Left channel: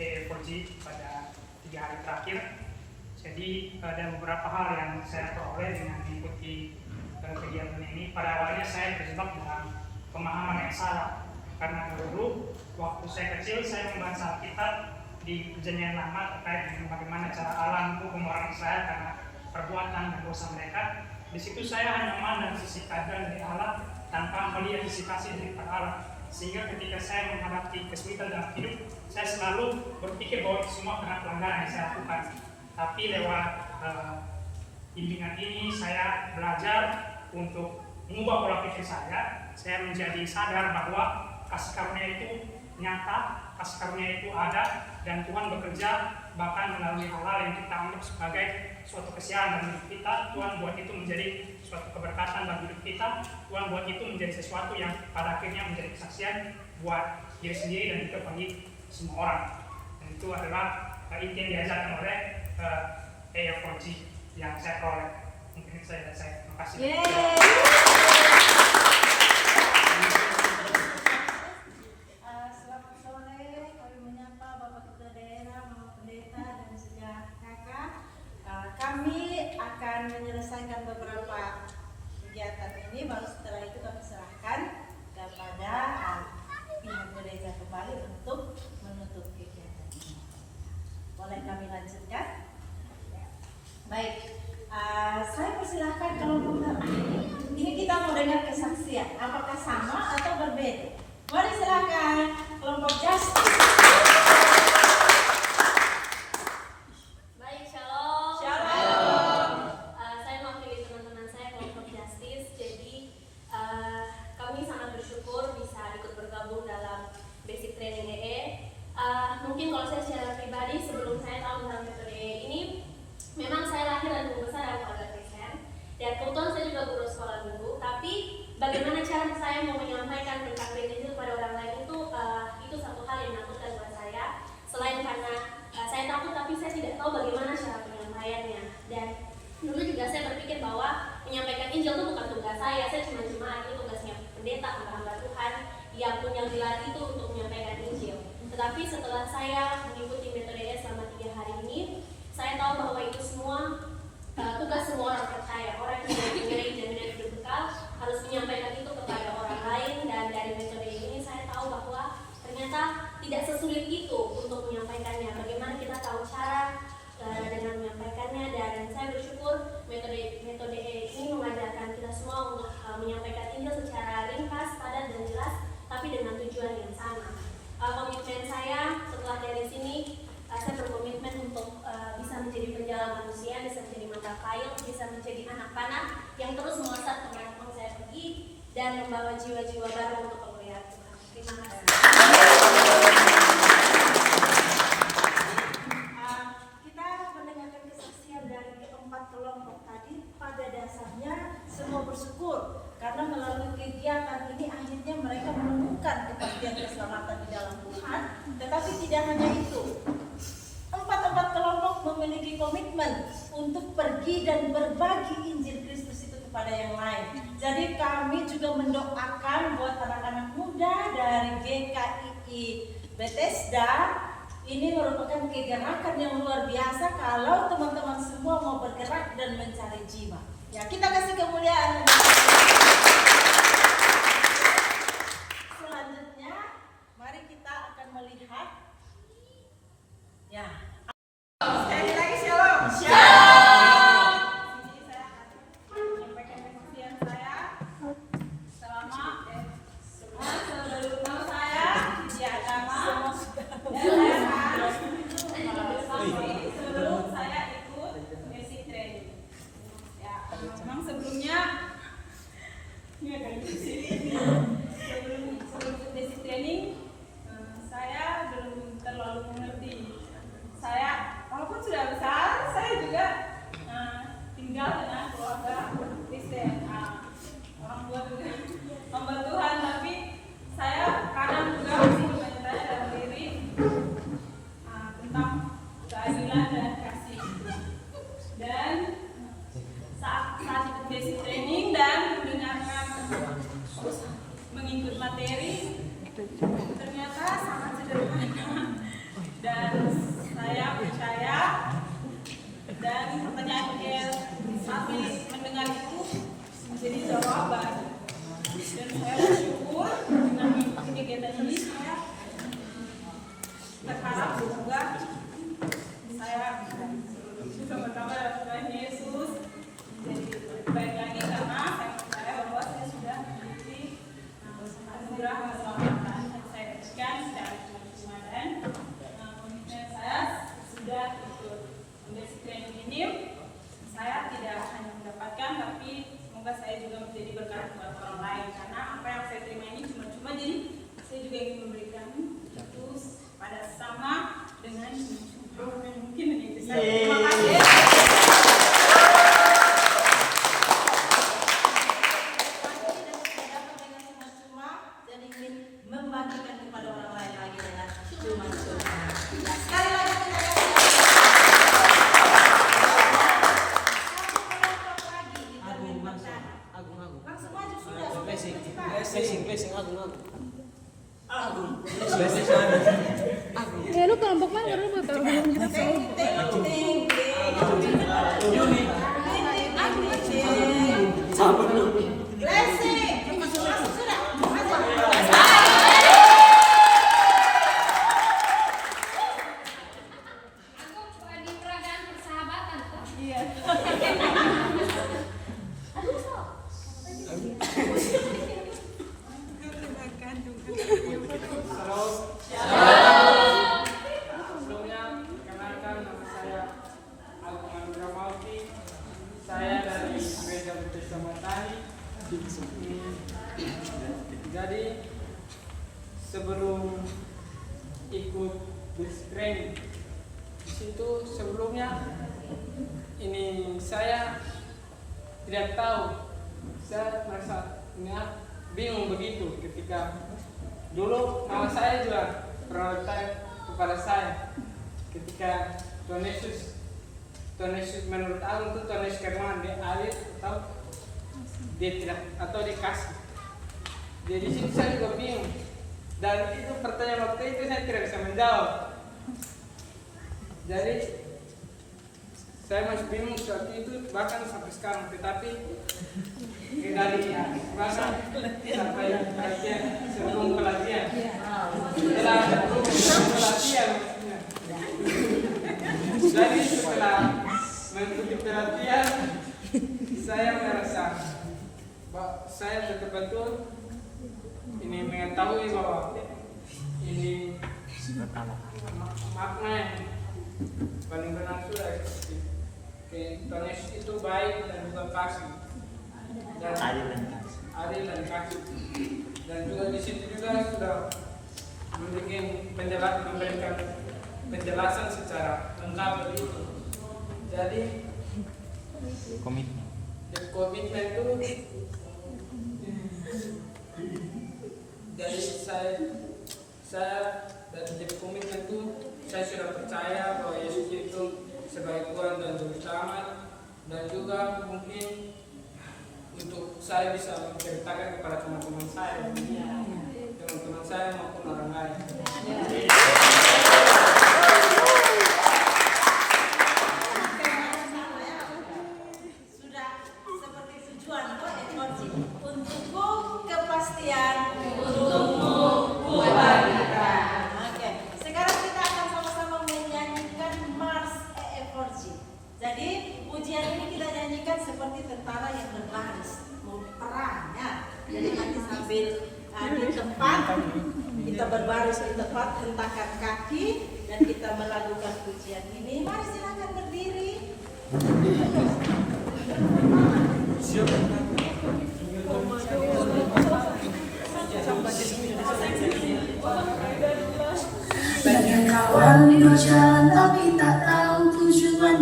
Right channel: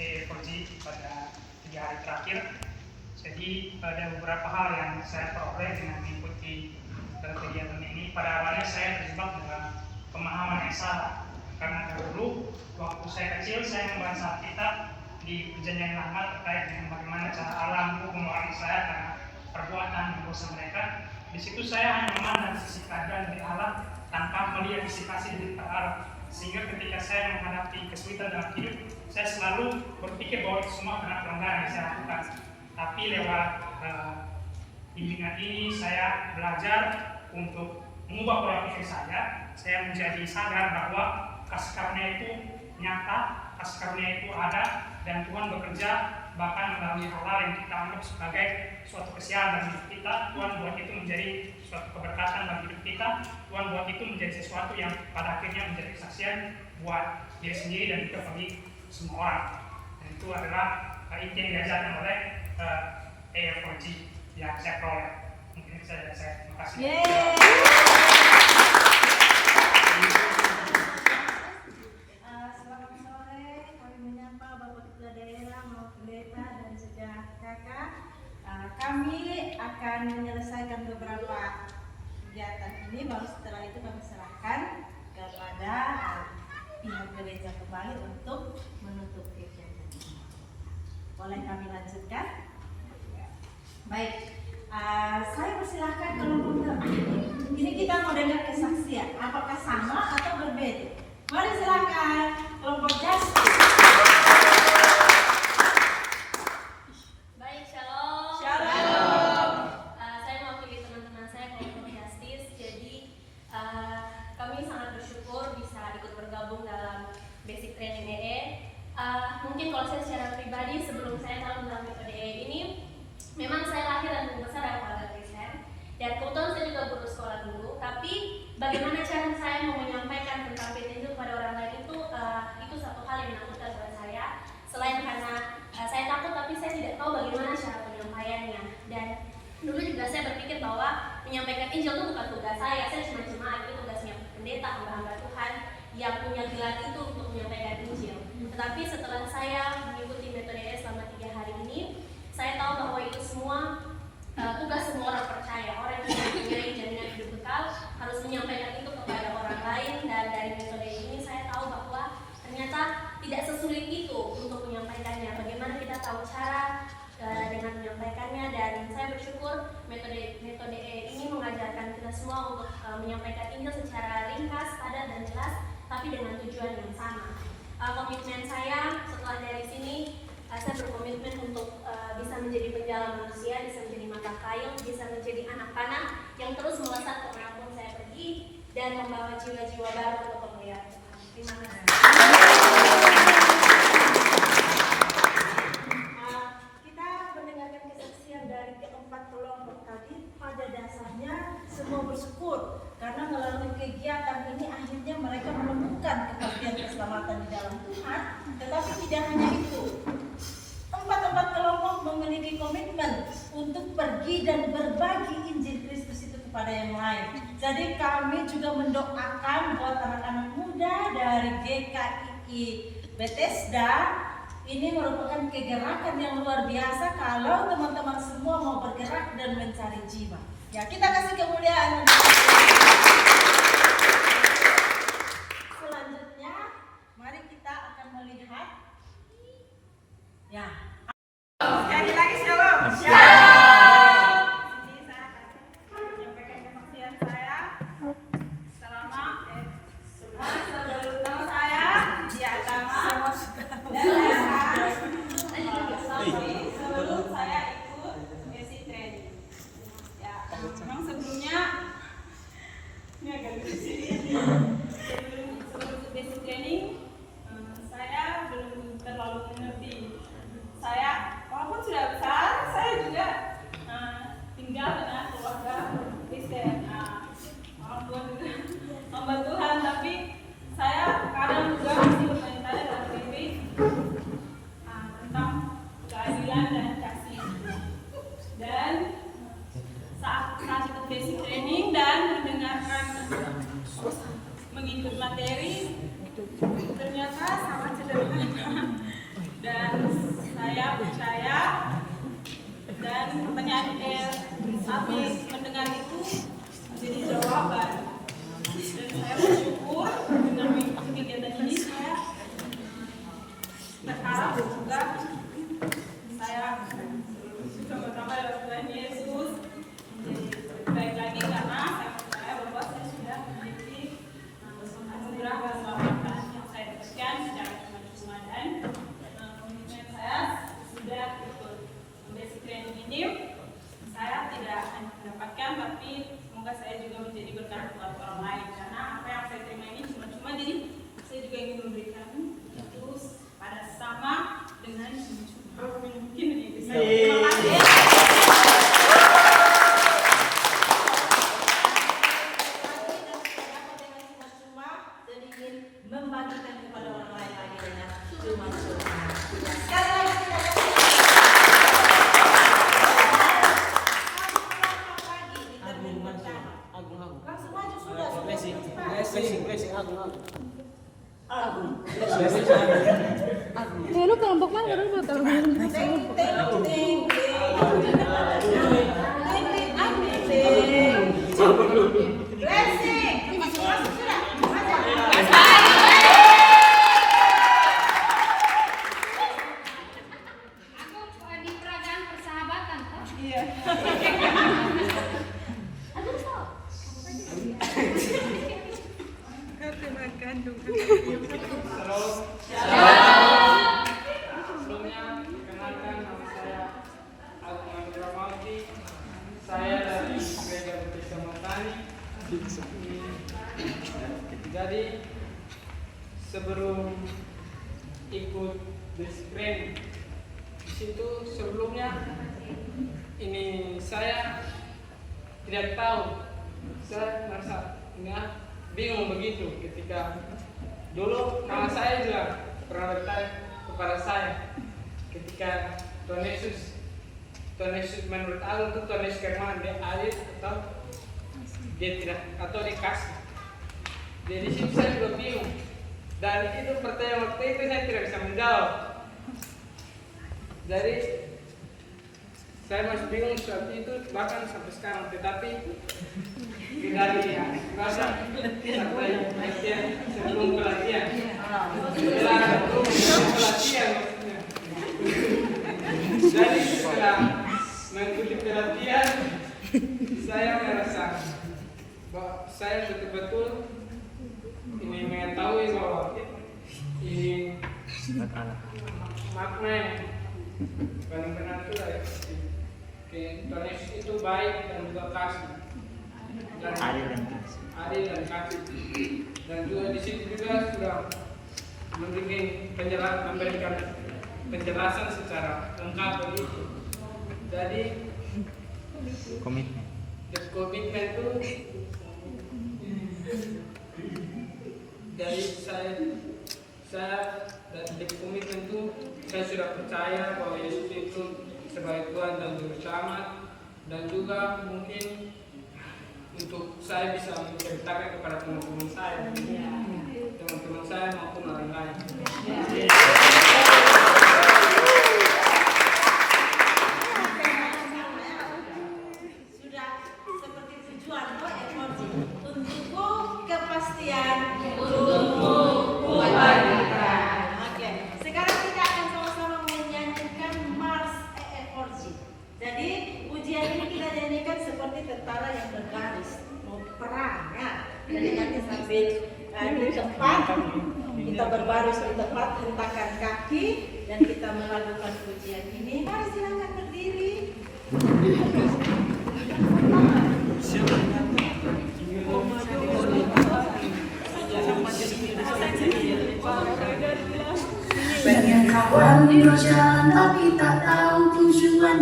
EFG pada 3 hari terakhir. Jadi ada beberapa hal yang saya peroleh dengan mengikuti kegiatan ini. Pada awalnya saya terjebak dalam pemahaman yang salah, karena dahulu waktu saya kecil saya membaca Alkitab di Perjanjian Lama terkait dengan bagaimana cara Allah menghukum orang Israel karena perbuatan dan dosa mereka. Di situ saya hanya memandang sisi keadilan dari Allah tanpa melihat sisi kasih dari Allah. Sehingga ketika saya menghadapi kesulitan dalam hidup, saya selalu berpikir bahwa itu semua karena pelanggaran yang saya lakukan. Tapi lewat bimbingan ini saya belajar untuk mengubah pola pikir saya menjadi sadar bahwa kasih karunia itu nyata, kasih karunia itu ada, dan Tuhan bekerja bahkan melalui hal-hal yang kita anggap sebagai suatu kesialan dalam hidup kita. Tuhan buat itu menjadi suatu keberkatan dalam hidup kita. Tuhan buat itu menjadi sesuatu yang pada akhirnya menjadi kesaksian buat diri sendiri dan juga bagi semua orang. Dan itu adalah inti yang diajarkan oleh EFG yang saya peroleh. Mungkin saya terima kasih. Selamat sore, kami menyapa Bapak Ketua Daerah, Bapak Pendeta dan sejak kakak. Kami akan menyelesaikan beberapa kegiatan ini, baru setelah itu kami serahkan kepada pihak gereja kembali untuk menutup kegiatan ini. Boleh kami lanjutkan? Baik, saya persilahkan kelompok terakhir. Ini kita mau dengar kesaksian, apakah sama atau berbeda? Mari silakan kelompok Justice. Baik, shalom. Shalom. Saya mewakili teman-teman saya kelompok Justice. Jadi kami sangat bersyukur bisa ikut bergabung dalam basic training EE. Mungkin kalau saya secara pribadi sebelum saya tahu tentang metode EE ini, memang saya lahir dan tumbuh besar dalam keluarga Kristen. Dan kebetulan saya juga guru sekolah dulu. Tapi bagaimana cara saya mau menyampaikan tentang Injil kepada orang lain itu satu hal yang menakutkan buat saya. Selain karena saya takut, tapi saya tidak tahu bagaimana cara penyampaiannya. Dan dulu juga saya berpikir bahwa menyampaikan Injil itu bukan tugas saya cuma jemaat, itu tugasnya pendeta, hamba-hamba Tuhan yang punya gelar itu untuk menyampaikan Injil. Tetapi setelah saya mengikuti metode selama 3 hari ini, saya tahu bahwa itu semua tugas semua orang percaya. Orang yang mempunyai jaminan hidup kekal harus menyampaikan itu kepada orang lain. Dan dari metode ini saya tahu bahwa ternyata tidak sesulit itu untuk menyampaikannya. Bagaimana kita tahu cara dengan menyampaikannya. Dan saya bersyukur metode ini mengajarkan kita semua untuk menyampaikan Injil secara ringkas, padat dan jelas, tapi dengan tujuan yang sama. Komitmen saya setelah dari sini, saya berkomitmen untuk bisa menjadi penjala manusia, bisa menjadi mata kail, bisa menjadi anak panah yang terus melesat kemanapun saya pergi dan membawa jiwa-jiwa baru untuk kemuliaan Tuhan. Terima kasih. Kita mendengarkan kesaksian dari keempat kelompok tadi. Pada dasarnya semua bersyukur karena melalui kegiatan ini akhirnya mereka menemukan kepastian keselamatan di dalam Tuhan. Tetapi tidak hanya itu, empat kelompok memiliki komitmen untuk pergi dan berbagi Injil Kristus itu kepada yang lain. Jadi kami juga mendoakan buat anak-anak muda dari GKII Bethesda. Ini merupakan kegerakan yang luar biasa kalau teman-teman semua mau bergerak dan mencari jiwa. Ya, kita kasih kemuliaan. Selanjutnya, mari kita akan melihat. Ya. Sekali lagi shalom. Shalom. Ini saya akan menyampaikan kesaksian saya selama sebelum saya di agama dan saya sebelum saya ikut basic training. Ya, memang sebelumnya ini agak sebelum basic training saya belum terlalu mengerti. Saya walaupun sudah besar, saya juga tinggal dengan keluarga Kristen. Orang tua juga hamba Tuhan, tapi saya kadang juga masih bertanya dalam diri tentang keadilan dan kasih. Dan saat ikut basic training dan mendengarkan mengikut materi, ternyata sangat sederhana dan juga menjadi berkat buat orang lain, karena apa yang saya terima ini cuma-cuma, jadi saya juga ingin memberikan itu pada sesama dengan cuma-cuma. Mungkin itu saja. Terima kasih. Membagikan kepada orang lain lagi dengan cuma-cuma. Sekali lagi kita langsung maju sudah. Lu kelompok mana? Lu belum tahu. Di peragaan persahabatan toh? Iya. Aduh, so. Sebelumnya, perkenalkan nama saya Agung Andramauti. Saya dari Gereja Baptis Matani. Jadi sebelum ikut basic training di situ sebelumnya ini saya tidak tahu, saya merasa bingung begitu ketika dulu nama saya juga pernah bertanya kepada saya ketika Tuhan Yesus menurut aku itu Tuhan Yesus kemana, dia adil atau dia tidak atau dikasih. Jadi di situ saya juga bingung, dan itu pertanyaan waktu itu saya tidak bisa menjawab. Jadi saya masih bingung saat itu, bahkan sampai sekarang. Tetapi dari bahkan sampai pelatihan, sebelum pelatihan, setelah pelatihan maksudnya. Jadi setelah mengikuti pelatihan, saya merasa bahwa saya betul-betul ini mengetahui bahwa ini makna yang paling benar itu dari Tuhan Yesus itu baik dan juga kasih, dan adil dan kasih, dan juga di situ juga sudah memberikan penjelasan secara lengkap begitu. Jadi komitmen itu dari saya dari komitmen itu saya sudah percaya bahwa Yesus itu sebagai Tuhan dan Juru Selamat, dan juga mungkin untuk saya bisa menceritakan kepada teman-teman saya maupun orang lain. Sudah seperti tujuan emosi untukku kepastian, untukmu kebahagiaan. Oke, sekarang kita akan sama-sama menyanyikan Mars EFORG. Jadi ujian ini kita nyanyikan seperti tentara yang berbaris mau perang ya. Jadi nanti sambil di tempat kita berbaris di tempat, hentakan kaki dan kita melakukan ujian ini. Mari silakan berdiri. Banyak kawan di berjalan tapi tak tahu tujuan.